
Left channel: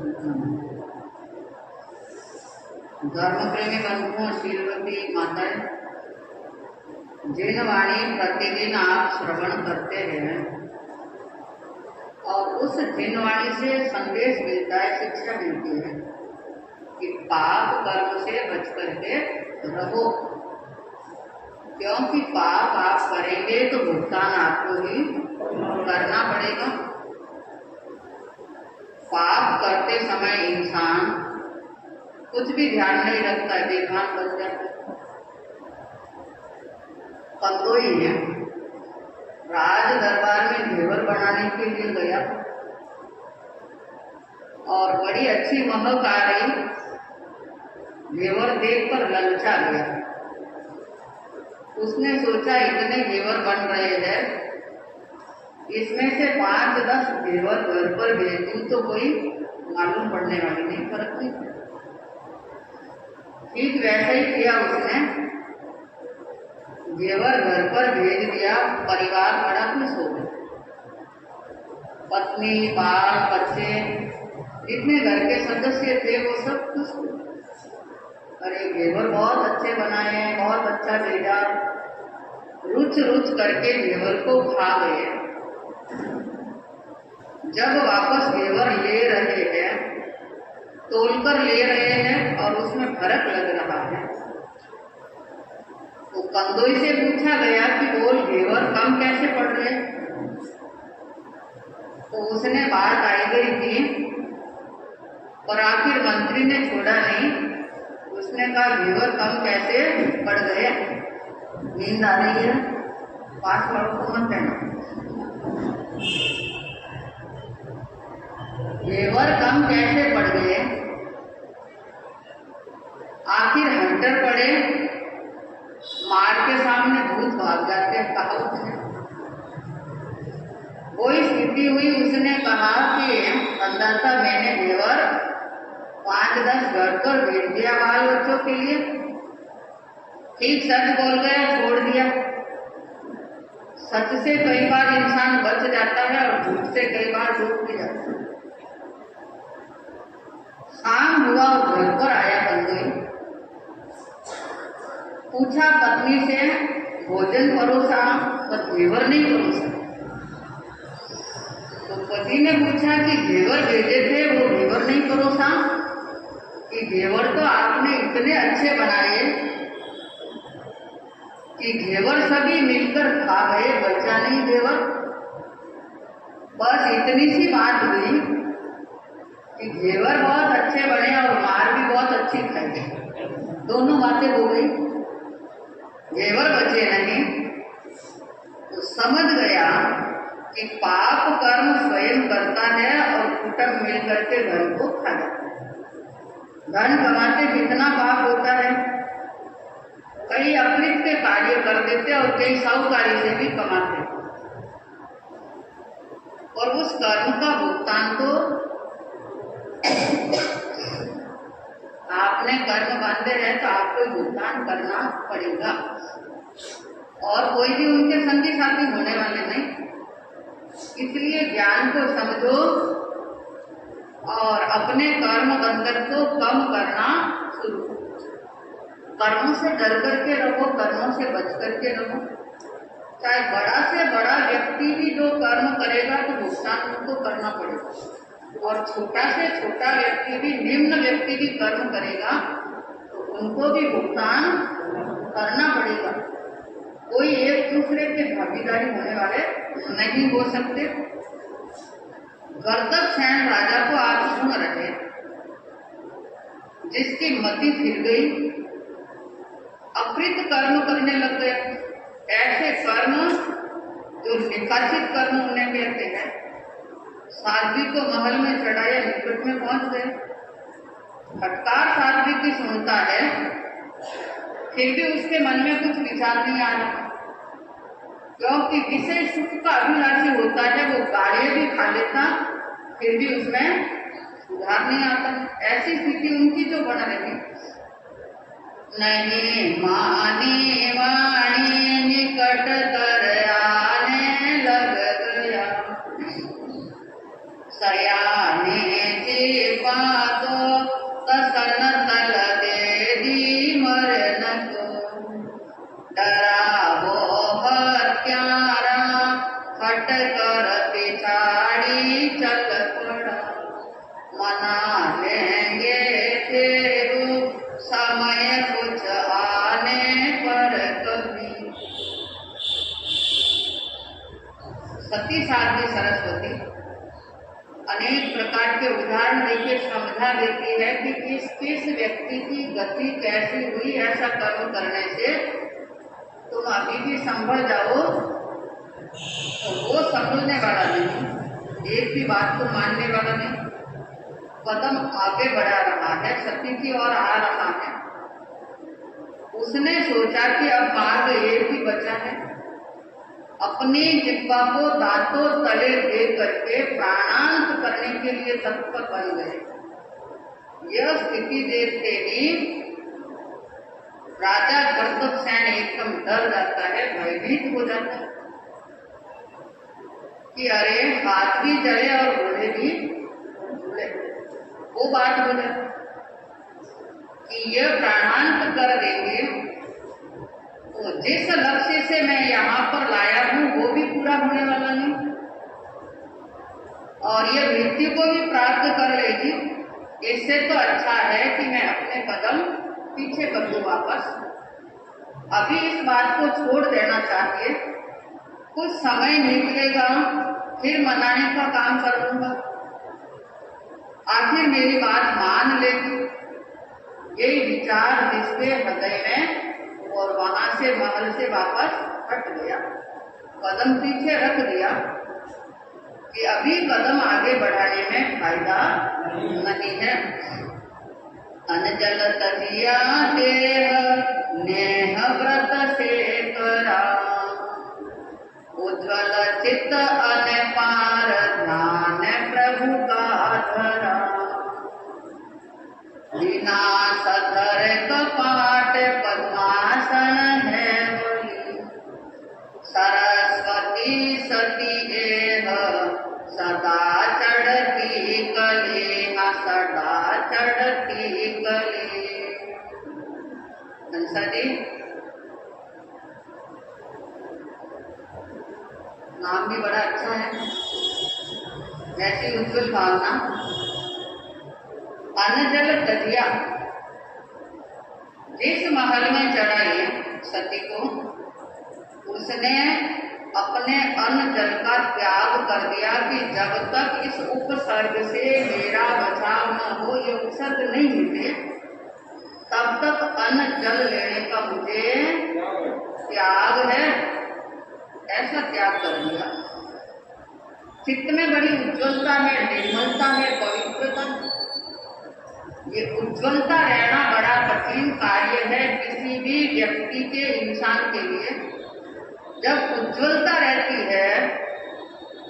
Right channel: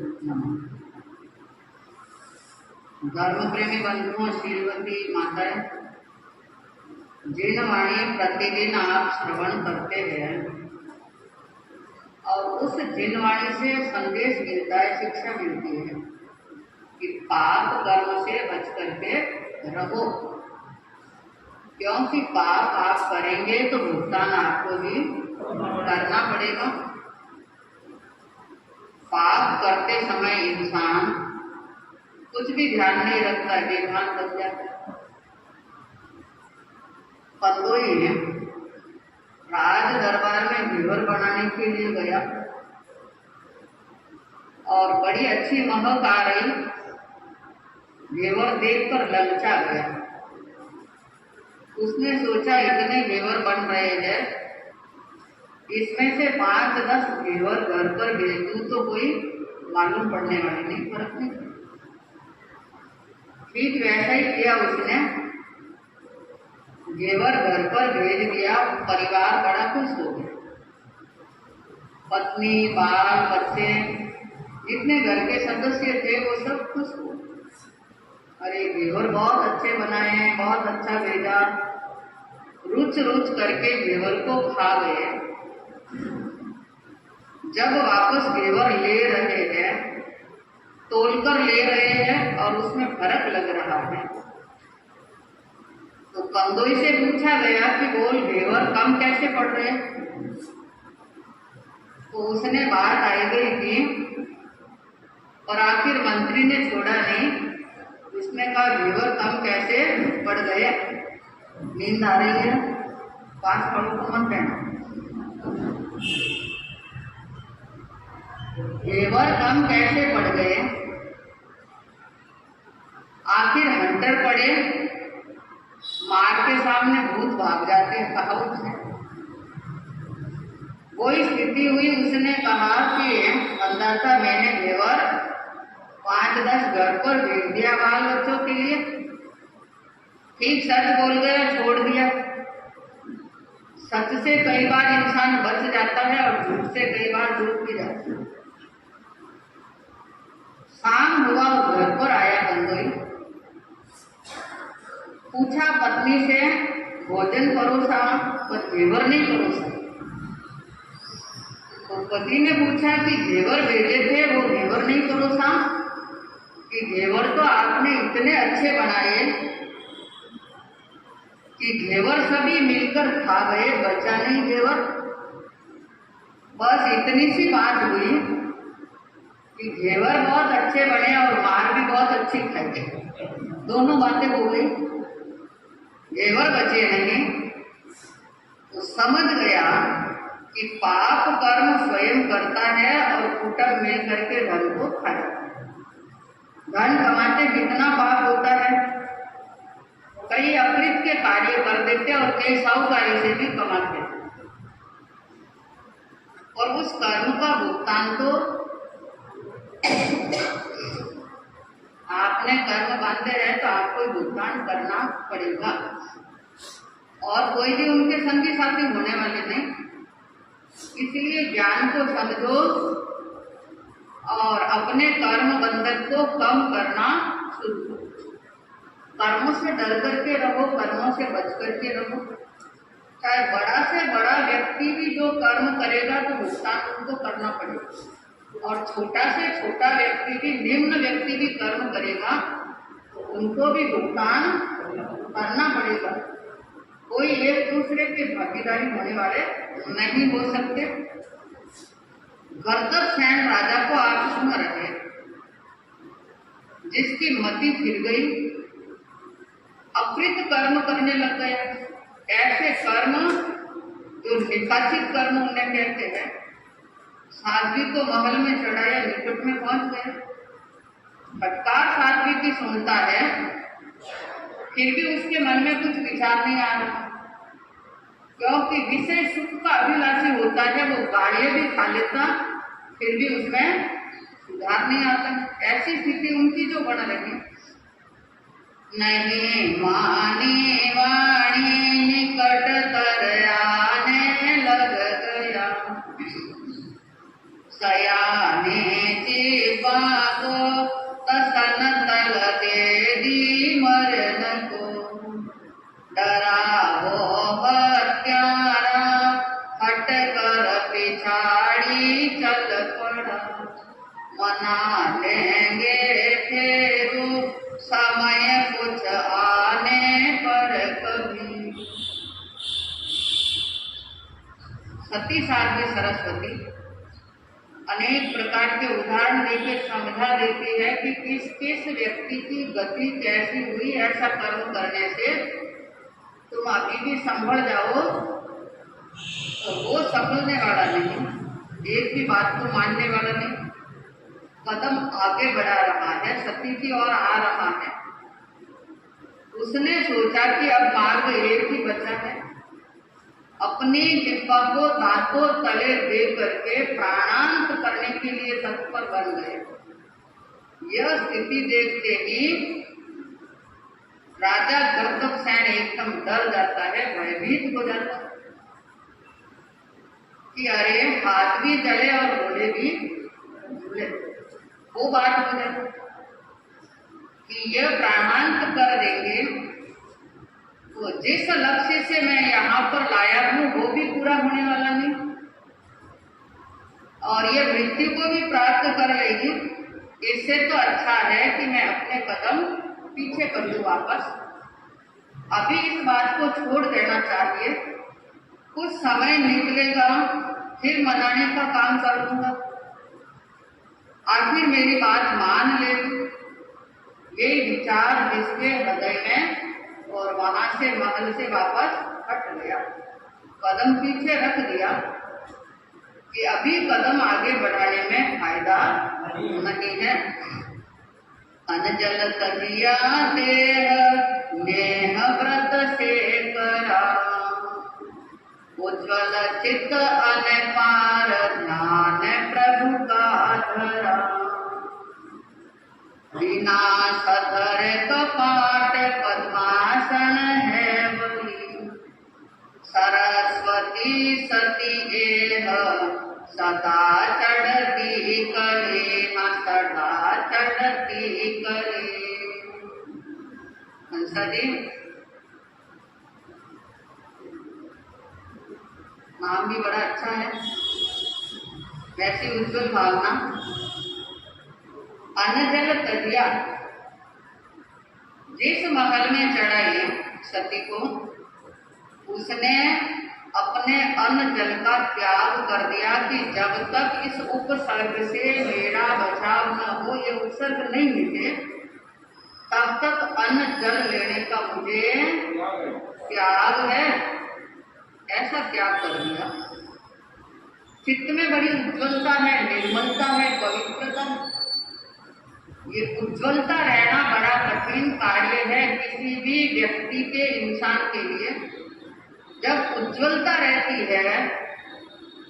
धर्म प्रेमी बंधुओं, शीलवती माताएं, जिन वाणी प्रतिदिन आप श्रवण करते हैं और उस जिन वाणी से संदेश मिलता है, शिक्षा मिलती है कि पाप कर्म से बच करके रहो, क्योंकि पाप आप करेंगे तो भुगतान आपको ही करना पड़ेगा। पाप करते समय इंसान कुछ भी ध्यान नहीं रखता है, बेभान बन जाता है। कंदोई राज दरबार में घेवर बनाने के लिए गया और बड़ी अच्छी महक आ रही, घेवर देखकर ललचा गया। उसने सोचा इतने घेवर बन रहे हैं, इसमें से 5-10 घेवर घर पर भेज दूं तो कोई मालूम पड़ने वाली नहीं, फर्क नहीं पड़ेगा। ठीक वैसा ही किया उसने, घेवर घर पर भेज दिया। परिवार बड़ा खुश हो गया, पत्नी बाल बच्चे जितने घर के सदस्य थे वो सब खुश हो गए। अरे घेवर बहुत अच्छे बनाए, बहुत अच्छा भेजा। रुच रुच करके घेवर को खा गए। जब वापस घेवर ले रहे हैं, तोलकर ले रहे हैं और उसमें फर्क लग रहा है, तो कंदोई से पूछा गया कि बोल घेवर कम कैसे पड़ रहे। तो उसने बात आई गई थी और आखिर मंत्री ने छोड़ा नहीं। उसने कहा घेवर कम कैसे पड़ गए, नींद आ रही है, पास वालों को मत कहना। घेवर कम कैसे पड़ गए, आखिर हंटर पड़े, मार के सामने भूत भाग जाते हैं, कहा उसने। कोई स्थिति हुई, उसने कहा कि अंदाजा मैंने घेवर 5-10 घर पर भेज दिया बाल बच्चों के लिए। ठीक सच बोल गया, छोड़ दिया। सच से कई बार इंसान बच जाता है और झूठ से कई बार डूब भी जाता है। शाम हुआ और घर पर आया कंदोई, पूछा पत्नी से भोजन परोसा पर घेवर नहीं परोसा। तो पति ने पूछा कि घेवर भेजे थे, वो घेवर नहीं परोसा, कि घेवर तो आपने इतने अच्छे बनाए कि घेवर सभी मिलकर खा गए, बचा नहीं घेवर। बस इतनी सी बात हुई कि घेवर बहुत अच्छे बने और मार भी बहुत अच्छी खाई। दोनों बातें हो गई, घेवर बचे नहीं। तो समझ गया कि पाप कर्म स्वयं करता है और कुटुंब मिल करके धन को खा जाता है। धन कमाते जितना पाप होता है, कई अपृत के कार्य कर देते और कई साहूकारी से भी कमाते, और उस कर्म का भुगतान तो आपने कर्म बांधे हैं तो आपको भुगतान करना पड़ेगा, और कोई भी उनके संगी साथी होने वाले नहीं। इसलिए ज्ञान को समझो और अपने कर्म बंधन को कम करना शुरू करो। कर्मों से डर करके रहो, कर्मों से बच करके रहो। चाहे बड़ा से बड़ा व्यक्ति भी जो कर्म करेगा तो भुगतान उनको करना पड़ेगा, और छोटा से छोटा व्यक्ति भी, निम्न व्यक्ति भी कर्म करेगा तो उनको भी भुगतान करना पड़ेगा। कोई एक दूसरे के भागीदारी होने वाले नहीं हो सकते। गर्दभसेन राजा को आप सुन रहे, जिसकी मति फिर गई, अकृत कर्म करने लग गया। ऐसे कर्म जो निकासित कर्म उन्हें कहते हैं। साध्वी को महल में चढ़ाया, निकट में पहुंच गए। फटकार साध्वी की सुनता है, फिर भी उसके मन में कुछ विचार नहीं आ रहा। क्योंकि विषय सुख का अभिलाषी होता है, वो गाड़ियां भी खा लेता, फिर भी उसमें सुधार नहीं आता। ऐसी स्थिति उनकी जो बन रही। नहीं मानी वाणी निकट तर आने लग गया, सयाने चिपा को तसन तल दे दी मरन को, डरा वो हत्यारा हट कर पिछाड़ी चल पड़ा, मना लेंगे फेरू समय कुछ आने पर कभी। सती साध्वी सरस्वती अनेक प्रकार के उदाहरण देके समझा देती है कि किस किस व्यक्ति की गति कैसी हुई। ऐसा कर्म करने से तुम अभी भी संभल जाओ तो वो संभलने वाला नहीं, एक भी बात को मानने वाला नहीं, कदम आगे बढ़ा रहा है, सती की ओर आ रहा है। उसने सोचा कि अब मार्ग एक ही बचा है, अपनी जिह्वा को दांतों तले दे करके प्राणांत करने के लिए तत्पर बन गए। यह स्थिति देखते ही राजा गर्दभसेन एकदम डर जाता है, भयभीत हो जाता है कि अरे हाथ भी जले और घोड़े भी झूले। वो बात हो जाती कि यह प्राणांत कर देंगे तो जिस लक्ष्य से मैं यहाँ पर लाया हूँ वो भी पूरा होने वाला नहीं, और यह मृत्यु को भी प्राप्त कर लेगी। इससे तो अच्छा है कि मैं अपने कदम पीछे कर दूं वापस। अभी इस बात को छोड़ देना चाहिए, कुछ समय निकलेगा फिर मनाने का काम कर दूंगा, आखिर मेरी बात मान लेगी। यही विचार जिसके हृदय में, और वहां से महल से वापस हट गया, कदम पीछे रख दिया कि अभी कदम आगे बढ़ाने में फायदा नहीं है। अनजल तजिया देह नेह व्रत से करा, उज्ज्वल चित्त अनपार ध्यान प्रभु का धरा, विनाश धर कपाट पद्मासन है वही, सरस्वती सती एह सदा चढ़ती कले, सदा चढ़ती कले। हंसा जी नाम भी बड़ा अच्छा है, वैसी उज्ज्वल भावना। अनजल तजिया, जिस महल में चढ़ाई सती को, उसने अपने अन्न जल का त्याग कर दिया कि जब तक इस उपसर्ग से मेरा बचाव न हो, ये उपसर्ग नहीं मिटे, तब तक अन्न जल लेने का मुझे त्याग है। ऐसा त्याग कर दिया। चित्त में बड़ी उज्ज्वलता है, निर्मलता है, पवित्रता। ये उज्ज्वलता रहना बड़ा कठिन कार्य है किसी भी व्यक्ति के, इंसान के लिए। जब उज्ज्वलता रहती है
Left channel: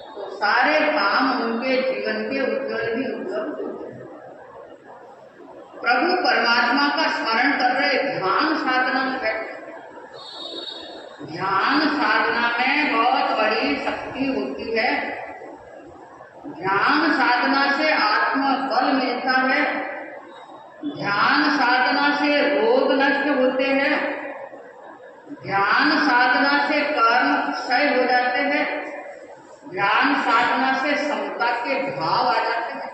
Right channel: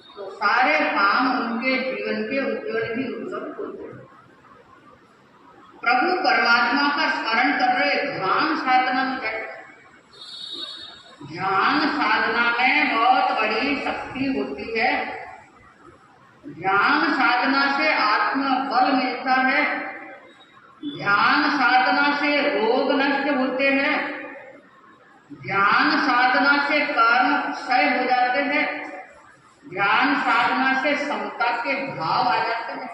तो सारे काम उनके जीवन के उज्ज्वल ही उज्ज्वल होते हैं। प्रभु परमात्मा का स्मरण कर रहे, ध्यान साधना में बैठे। ध्यान साधना में बहुत बड़ी शक्ति होती है। ध्यान साधना से आत्म बल मिलता है, ध्यान साधना से रोग नष्ट होते हैं, ध्यान साधना से कर्म क्षय हो जाते हैं, ध्यान साधना से समता के भाव आ जाते हैं।